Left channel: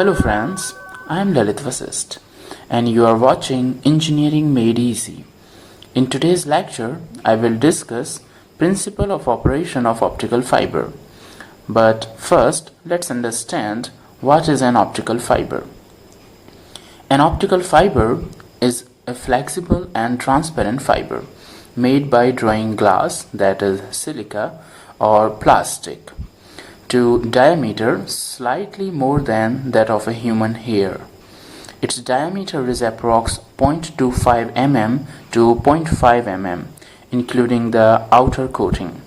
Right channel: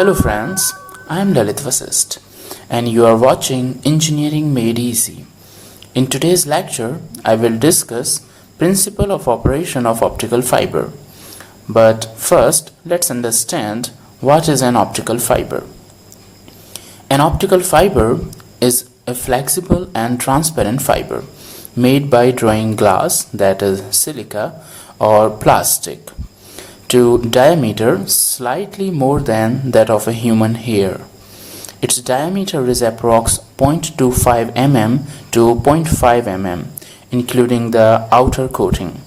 Hello friends, I am Lalit Vasist and you are watching Engineering Made Easy. In today's lecture, I will discuss principle of operation of optical fiber. But first, let's understand what is an optical fiber. An optical fiber is a flexible and transparent fiber made by drawing glass, that is silica, or plastic to diameter slightly more than that of a human hair. Its diameter is approx 0.25 mm to 0.5 mm, including the outer coating,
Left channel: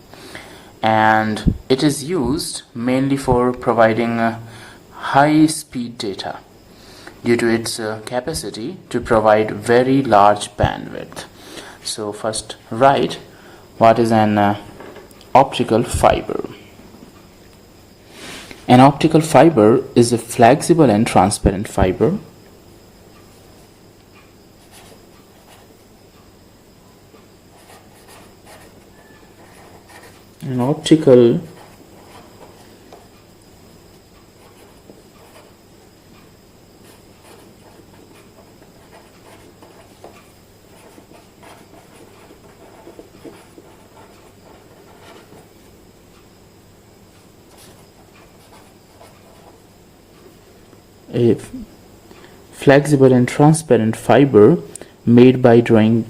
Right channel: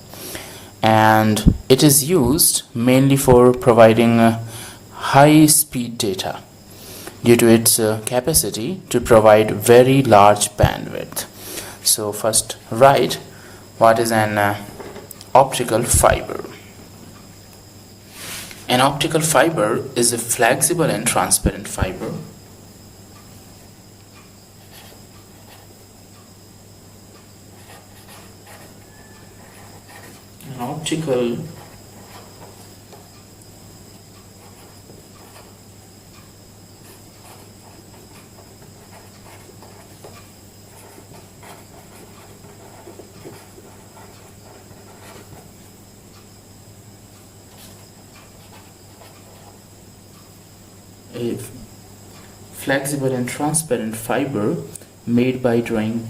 and it is used mainly for providing high-speed data due to its capacity to provide very large bandwidth. So first write what is an optical fiber. An optical fiber is a flexible and transparent fiber an optical a flexible and transparent fiber made by drawing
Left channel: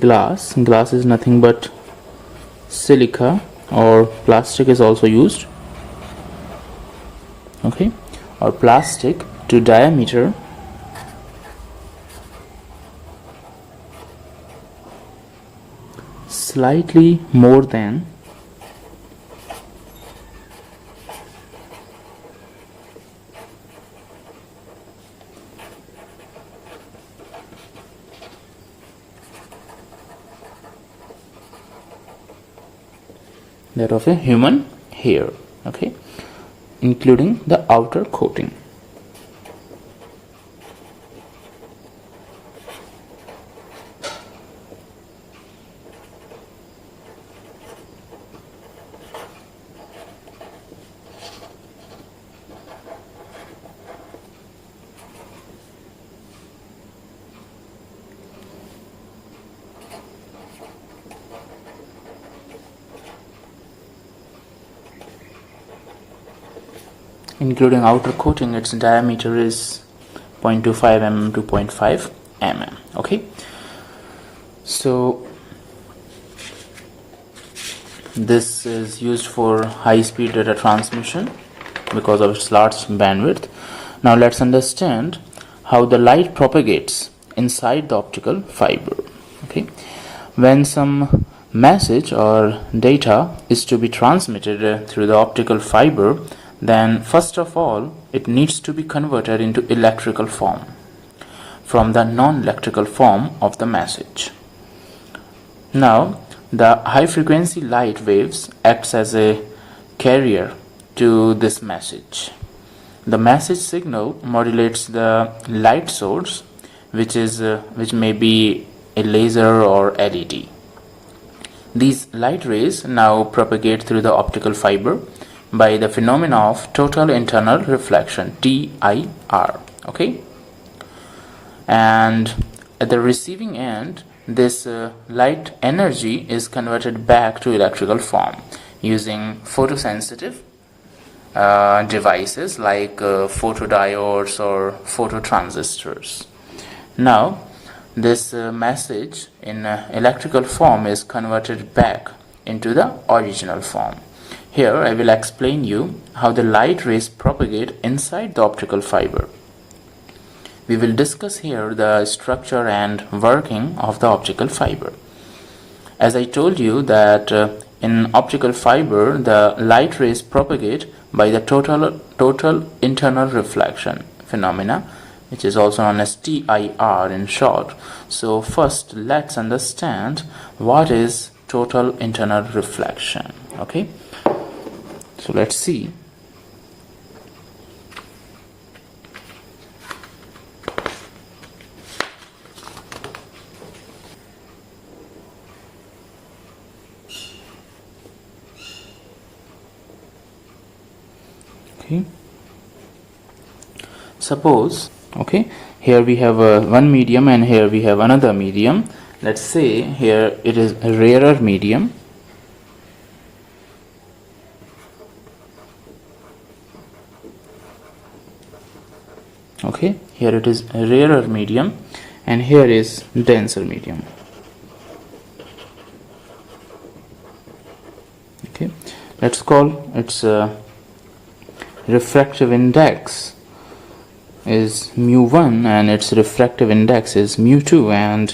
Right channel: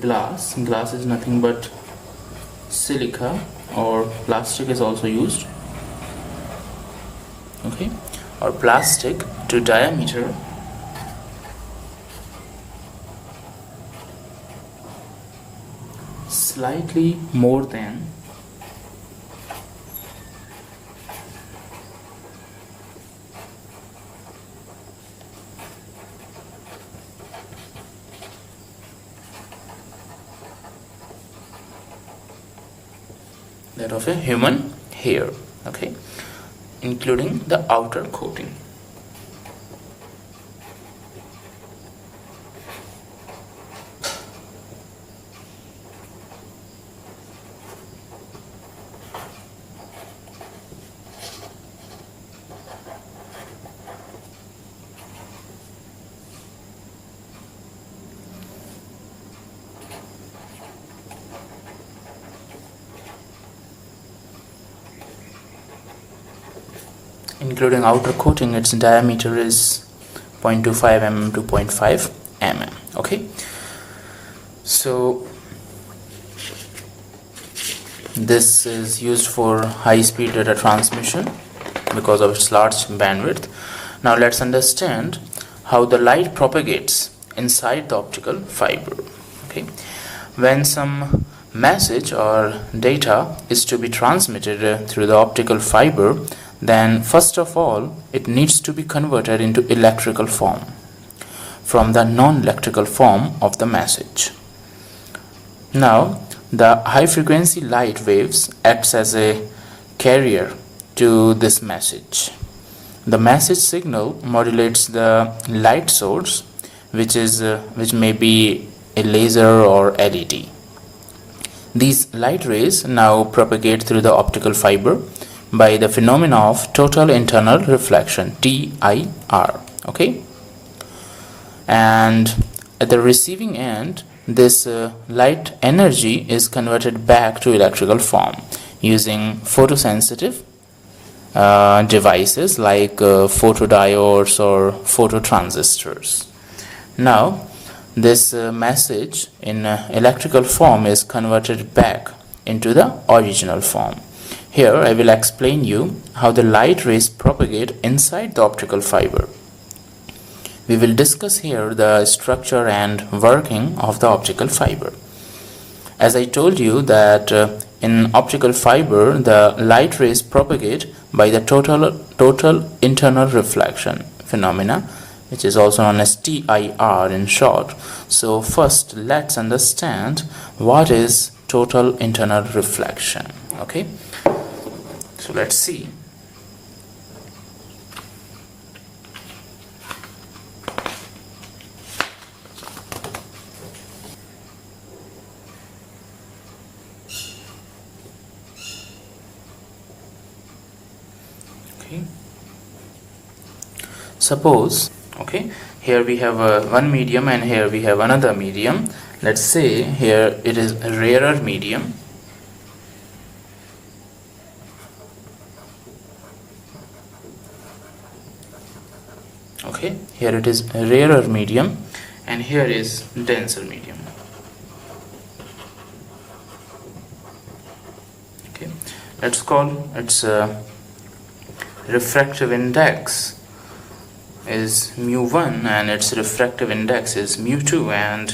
glass. Glass is nothing but silica, or plastic is also used, okay, or plastic to diameter slightly more than that of a human hair, okay, including the outer coating. Including outer coating, its diameter is 0.25 mm to 0.5 mm, okay. So this is used for high-speed data transmission because of its large bandwidth. Now let's understand how the light propagates inside the optical fiber, okay. When some message or data is to be transmitted through the optical fiber, then first of all it needs to be converted into electrical form from the non-electrical form of the message. Now the high frequency light waves acts as a carrier to this message. The message signal modulates the light source, which may be a laser or LED. These light rays now propagate through the optical fiber by the phenomena of total internal reflection, TIR, okay. And at the receiving end, this light energy is converted back to electrical form using photosensitive devices like photodiodes or phototransistors. Now this message in electrical form is converted back into the original form. Here I will explain you how the light rays propagate inside the optical fiber. We will discuss here the structure and working of the optical fiber. As I told you that in optical fiber the light rays propagate by the total internal reflection phenomena, which is also known as TIR in short. So first let's understand what is total internal reflection, okay. So let's see. Okay, suppose, okay, here we have one medium and here we have another medium. Let's say here it is a rarer medium. Okay, here it is a rarer medium and here is denser medium. Okay, let's call its refractive index is mu1 and its refractive index is mu2, and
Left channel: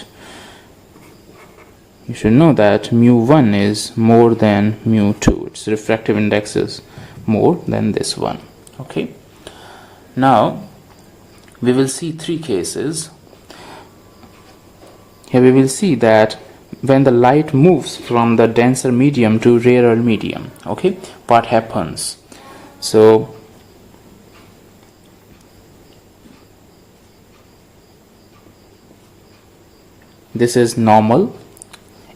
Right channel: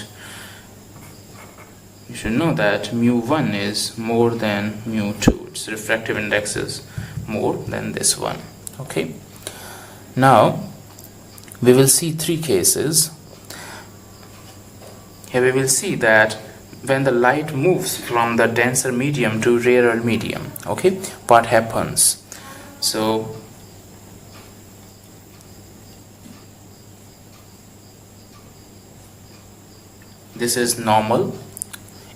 you should know that mu1 is more than mu2. Its refractive index is more than this one. Okay, now we will see three cases. Here we will see that when the light moves from the denser medium to rarer medium, okay, what happens? So this is normal,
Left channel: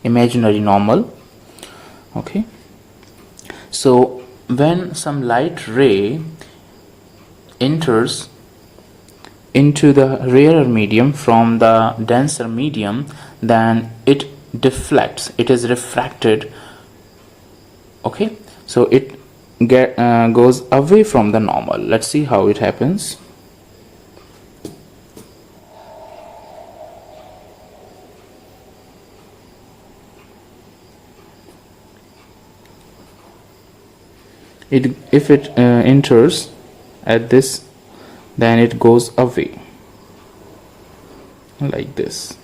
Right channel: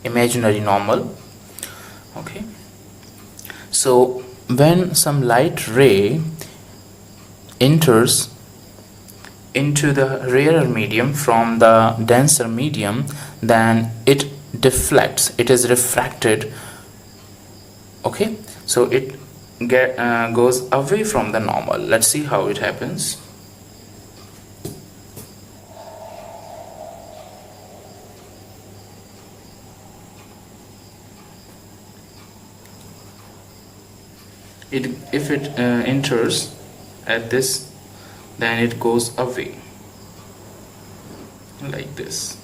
imaginary normal. Okay, so when some light ray enters into the rarer medium from the denser medium, then it deflects, it is refracted. Okay, so it goes away from the normal. Let's see how it happens. If it enters at this, then it goes away like this.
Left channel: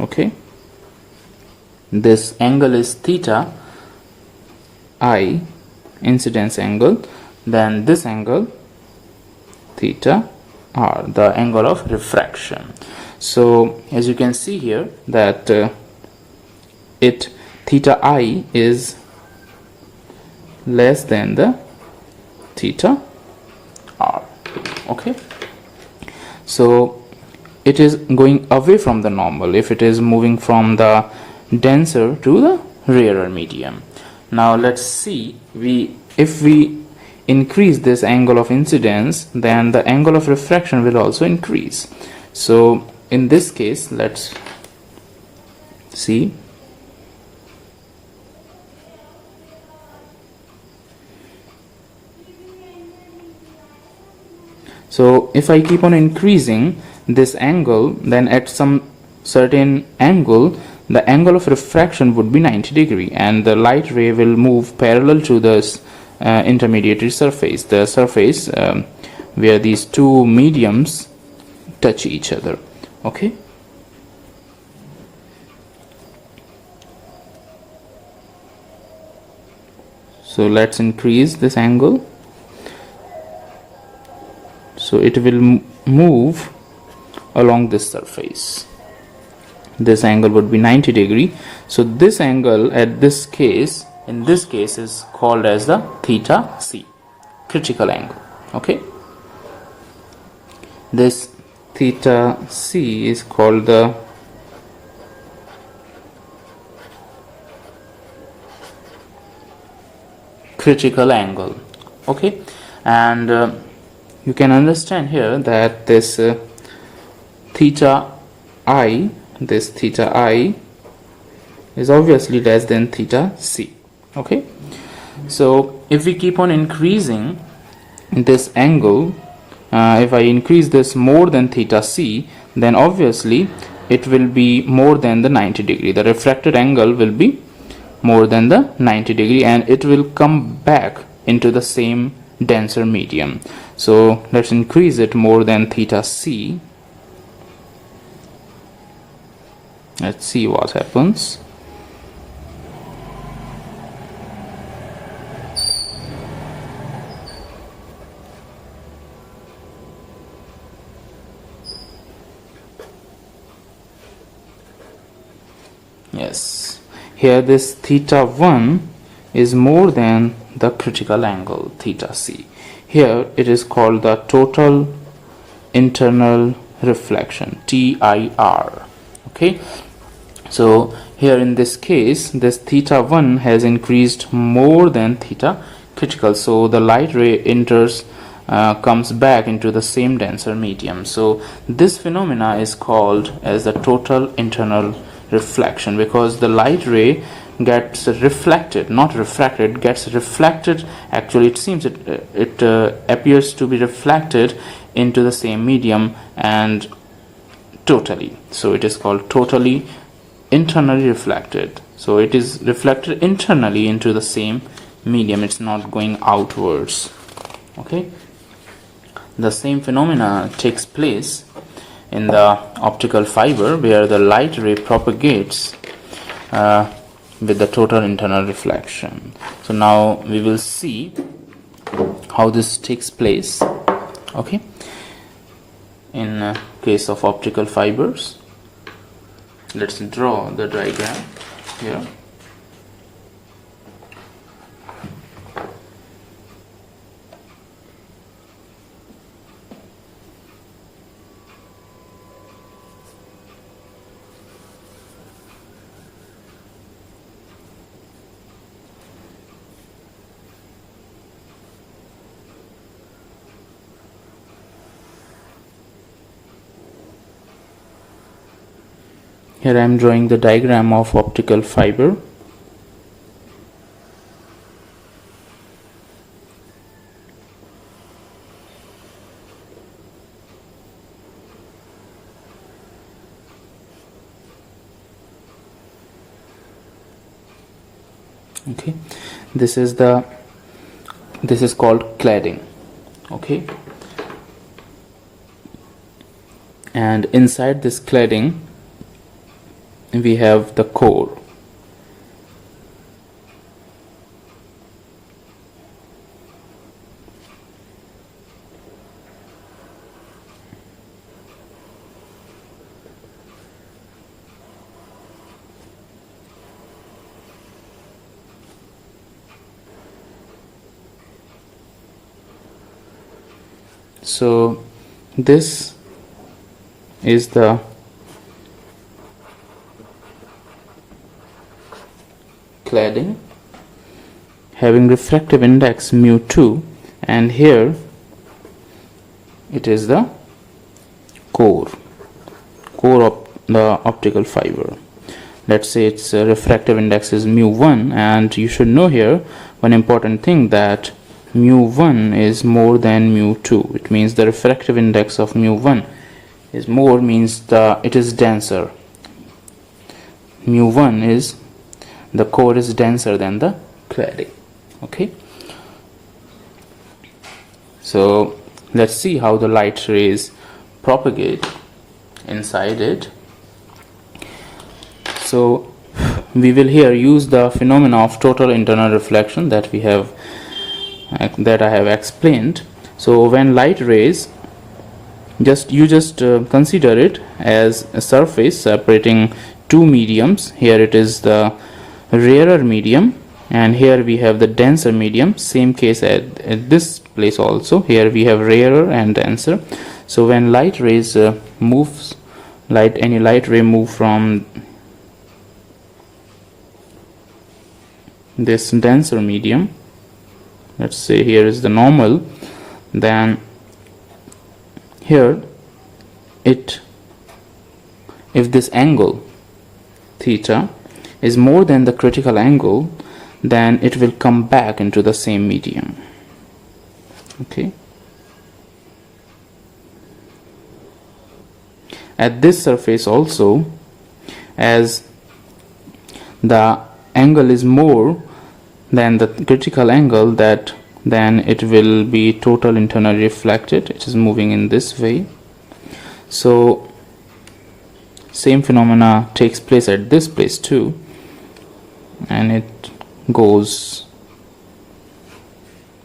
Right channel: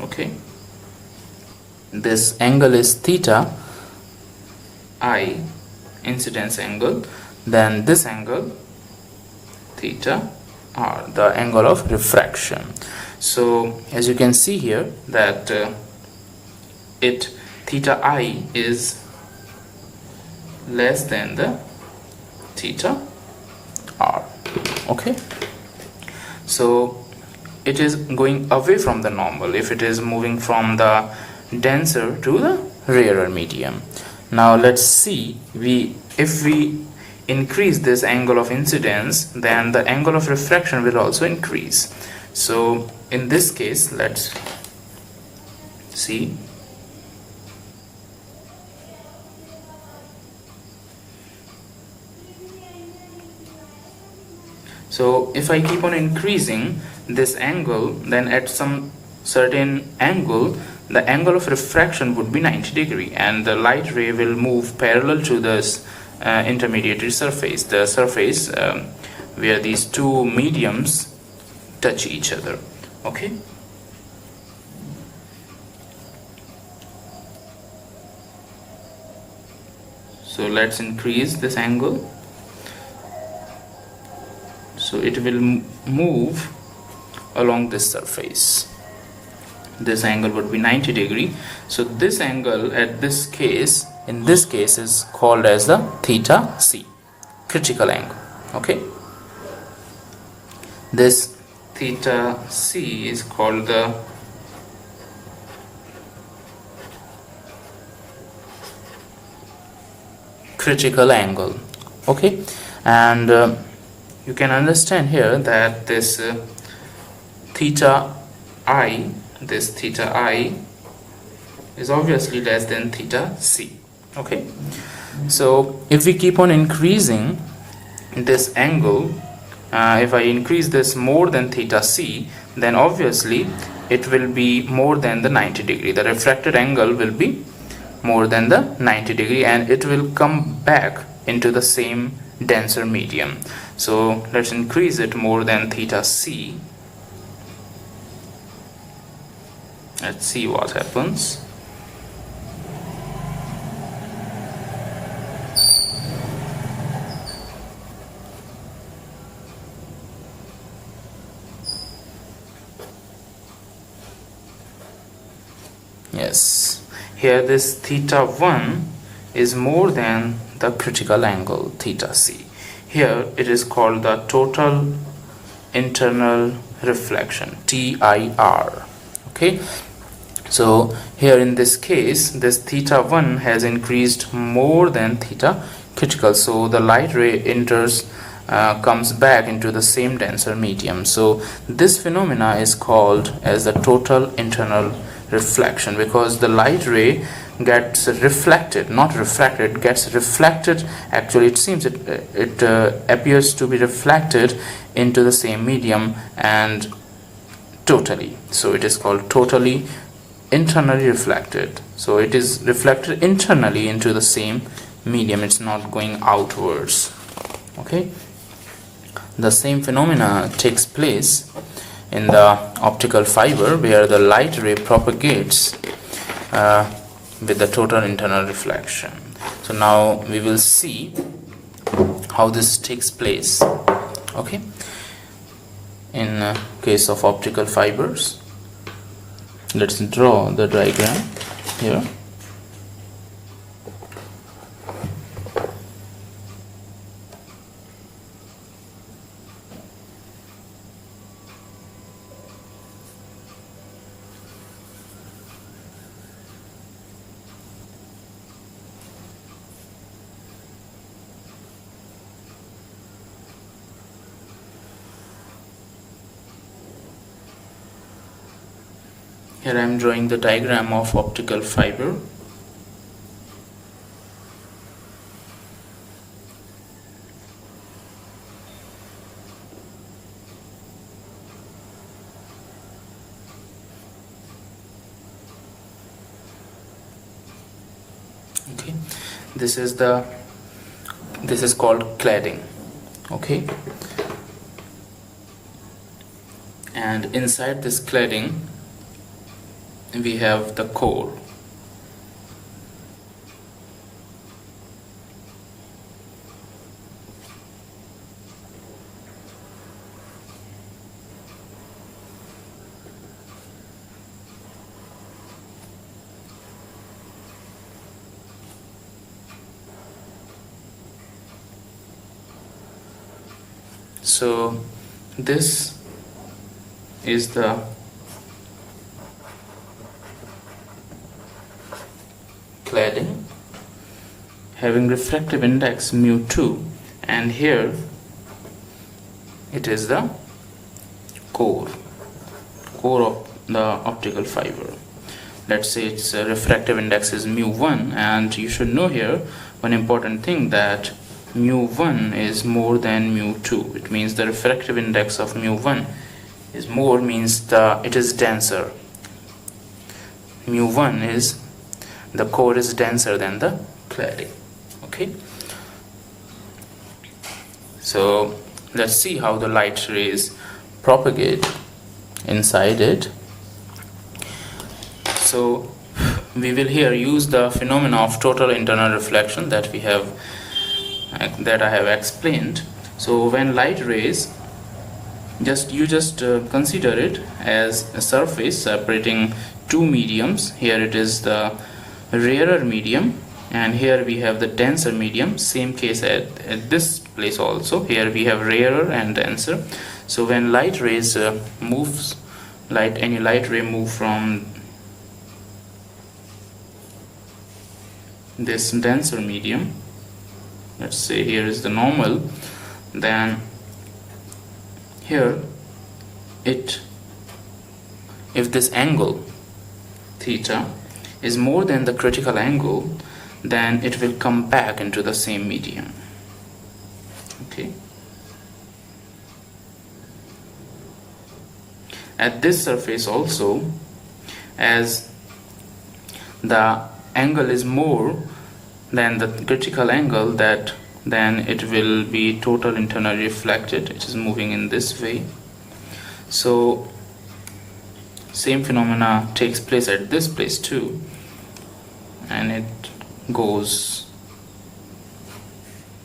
Okay, this angle is theta I, incidence angle, then this angle theta r, the angle of refraction. So as you can see here that theta I is less than the theta r. Okay, so it is going away from the normal if it is moving from the denser to the rarer medium. Now let's see, if we increase this angle of incidence, then the angle of refraction will also increase. So in this case, let's see. So if I keep on increasing this angle, then at some certain angle, the angle of refraction would be 90 degree and the light ray will move parallel to this intermediary surface, the surface where these two mediums touch each other. Okay, so let's increase this angle. So it will move along this surface. This angle would be 90 degree. So this angle at this case, in this case, is called as the theta c, critical angle. Okay, this theta c is called the critical angle. Okay, and you can understand here that this theta I is obviously less than theta c. Okay, so if we keep on increasing this angle, if I increase this more than theta c, then obviously it will be more than the 90 degree. The refracted angle will be more than the 90 degree and it will come back into the same denser medium. So let's increase it more than theta c. Let's see what happens. Yes, here this theta 1 is more than the critical angle theta c. Here it is called the total internal reflection, TIR. Okay, so here in this case, this theta 1 has increased more than theta critical, so the light ray enters comes back into the same denser medium. So this phenomena is called as the total internal reflection, because the light ray gets reflected, not refracted, gets reflected. Actually, it seems it appears to be reflected into the same medium and totally. So it is called totally internally reflected. So it is reflected internally into the same medium. It's not going outwards. Okay. The same phenomena takes place in the optical fiber, where the light ray propagates with the total internal reflection. So now we will see how this takes place. Okay, in case of optical fibers, let's draw the diagram here. Here I am drawing the diagram of optical fiber. Okay, this is called cladding. Okay, and inside this cladding we have the core. So this is the cladding having refractive index mu2, and here it is the core of the optical fiber. Let's say its refractive index is mu1, and you should know here one important thing, that mu1 is more than mu2. It means the refractive index of mu1 is more, means it is denser. Mu1 is, the core is denser than the cladding. Okay, so let's see how the light rays propagate inside it. So we will here use the phenomena of total internal reflection that I have explained. So when light rays, you just consider it as a surface separating two mediums. Here it is the rarer medium, and here we have the denser medium. Same case at this place also. Here we have rarer and denser. So when light rays any light ray move from this denser medium, let's say here is the normal, then here if this angle theta is more than the critical angle, then it will come back into the same medium. Okay, at this surface also, as the angle is more than the critical angle, then it will be total internally reflected. It is moving in this way. So same phenomena takes place at this place too, and it goes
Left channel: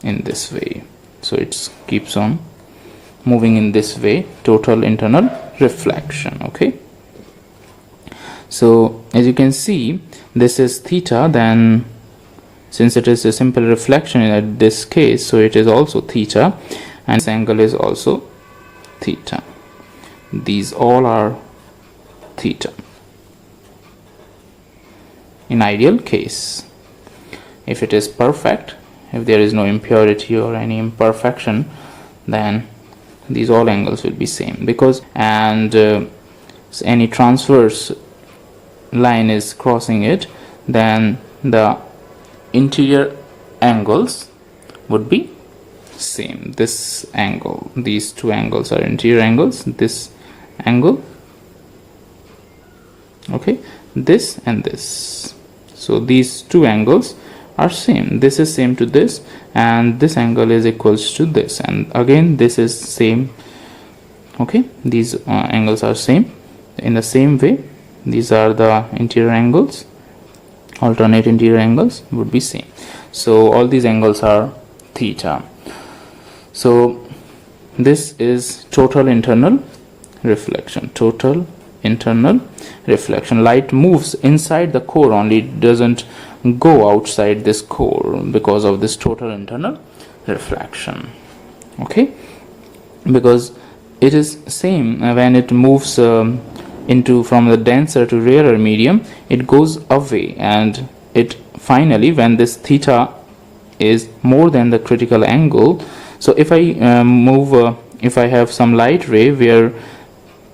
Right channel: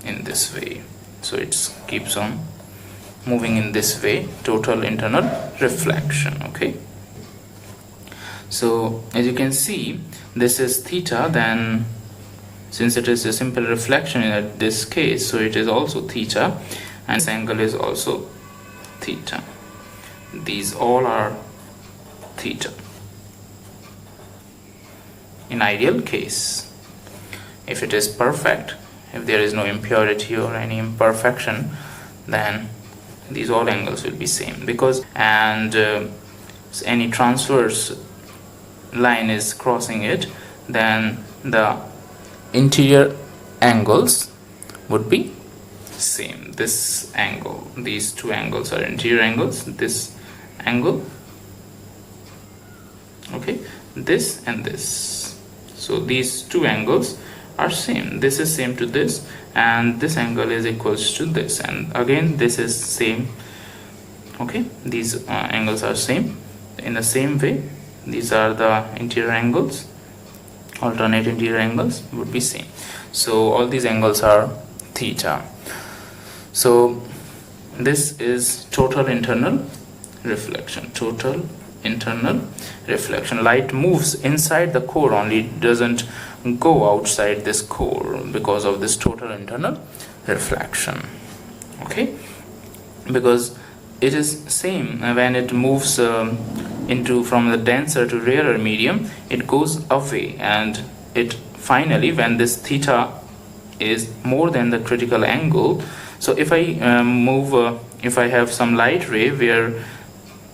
in this way. So it keeps on moving in this way, total internal reflection. Okay, so as you can see, this is theta, then since it is a simple reflection in this case, so it is also theta, and this angle is also theta. These all are theta in ideal case. If it is perfect, if there is no impurity or any imperfection, then these all angles will be same, because any transverse line is crossing it, then the interior angles would be same. This angle, these two angles are interior angles, this angle, okay, this and this. So these two angles are same. This is same to this, and this angle is equals to this, and again this is same. Okay, these angles are same. In the same way, these are the interior angles, alternate interior angles would be same. So all these angles are theta. So this is total internal reflection. Total internal reflection. Light moves inside the core only, doesn't go outside this core because of this total internal reflection. Okay, because it is same when it moves into from the denser to rarer medium, it goes away, and it finally, when this theta is more than the critical angle, so if I if I have some light ray where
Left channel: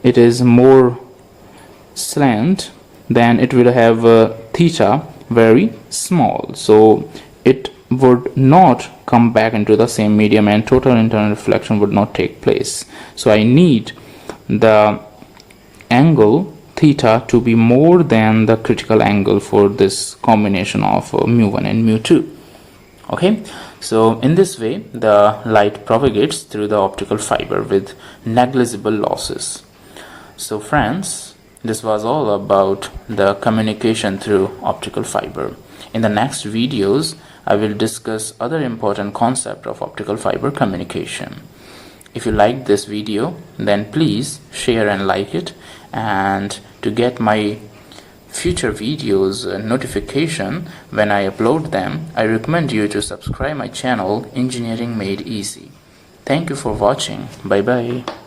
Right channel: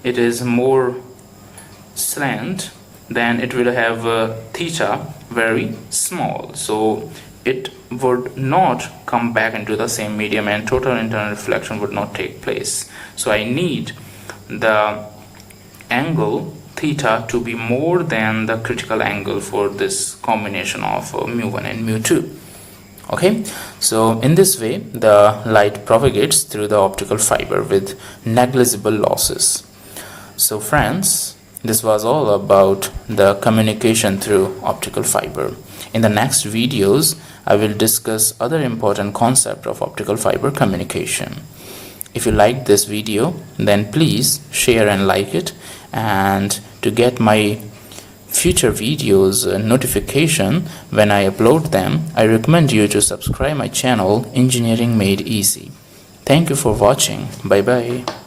it is more slant, then it will have theta very small, so it would not come back into the same medium and total internal reflection would not take place. So I need the angle theta to be more than the critical angle for this combination of mu1 and mu2. Okay, so in this way the light propagates through the optical fiber with negligible losses. So friends, this was all about the communication through optical fiber. In the next videos, I will discuss other important concept of optical fiber communication. If you liked this video, then please share and like it, and to get my future videos notification when I upload them, I recommend you to subscribe my channel Engineering Made Easy. Thank you for watching. Bye bye.